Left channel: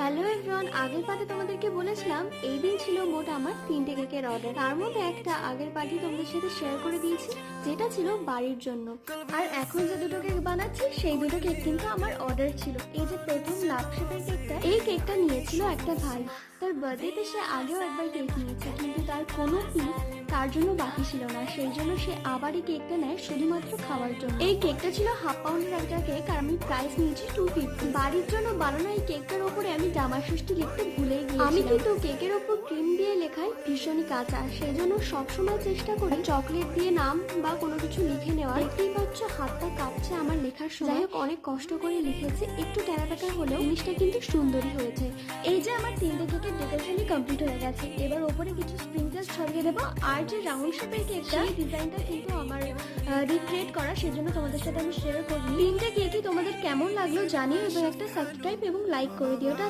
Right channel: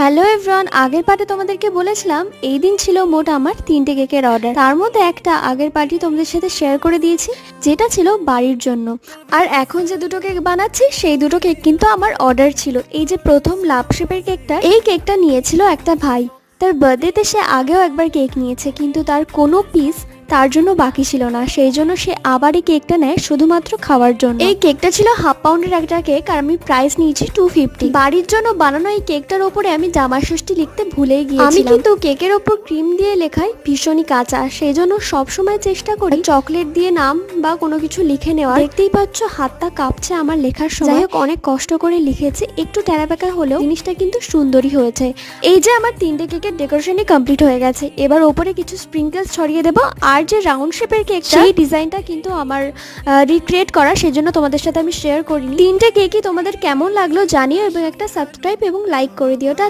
Hello everyone, আগের পার্টে তোমাদেরকে বলেছিলাম এই দিন ছিল মোট আমার 3টে কেকের অর্ডার। তার মধ্যে একটা আগের পার্টি তোমাদের সাথে শেয়ার করে দিয়েছি, যেটা ছিল বাড়ির জন্য। আর এখন যে দুটো কেক বানাচ্ছি সেই দুটো কেক কিন্তু আমার অর্ডার ছিল। এই যে প্রথম লাভ শেপের কেকটা, এই কেকটা নিয়েছিল একটা ভাই। তার বার্থডেতে সে আগেও একবার কেক নিয়েছে, কিন্তু তার কোনো পিস তার জন্য বাকি ছিল না, সেই জন্য সে আবার এই কেকটা নেয় শুধুমাত্র খাওয়ার জন্য। এই কেকটা ছিল হাফ পাউন্ডের একটা কেক, আর আমি প্রাইস নিয়েছি 250। বাড়ির জন্য বানানো এই কেকটার ওপরে আমি জামাই ষষ্ঠী লিখতে ভুলেই গিয়েছিলাম। আমি কিন্তু কেকের ওপর ক্রিম দিয়ে লেখাই ভীষণই কাঁচা, সেই জন্য সবসময় চেষ্টা করি চকলেট দিয়ে নাম বা কোনো কিছু লিখে নেওয়ার। দেখতেই পাচ্ছ হাতটা কাঁপছে আমার লেখার সময়। যাই হোক, অনেক কষ্ট করে লিখেছি, একটু টেরাবেকা হলেও জিনিসটা কিন্তু সুন্দরই হয়েছে। এই যে আমার 3টে কেকের ডেকোরেশনই কমপ্লিট হয়ে গেছে। এবার ওপরে কিছু স্প্রিঙ্কেলস ছড়িয়ে দেবো। আর যে রাউন্ড শেপের কেক, সেই ডিজাইনটা কিন্তু আমার রিক্রিয়েট করা, সেজন্য তোমাদের সাথে আমি শেয়ার করিনি। 3টে কেকই তোমাদের কেমন লাগলো জানিও, এবং একটা সাবস্ক্রাইব এবং লাইক করে দিও। টাটা।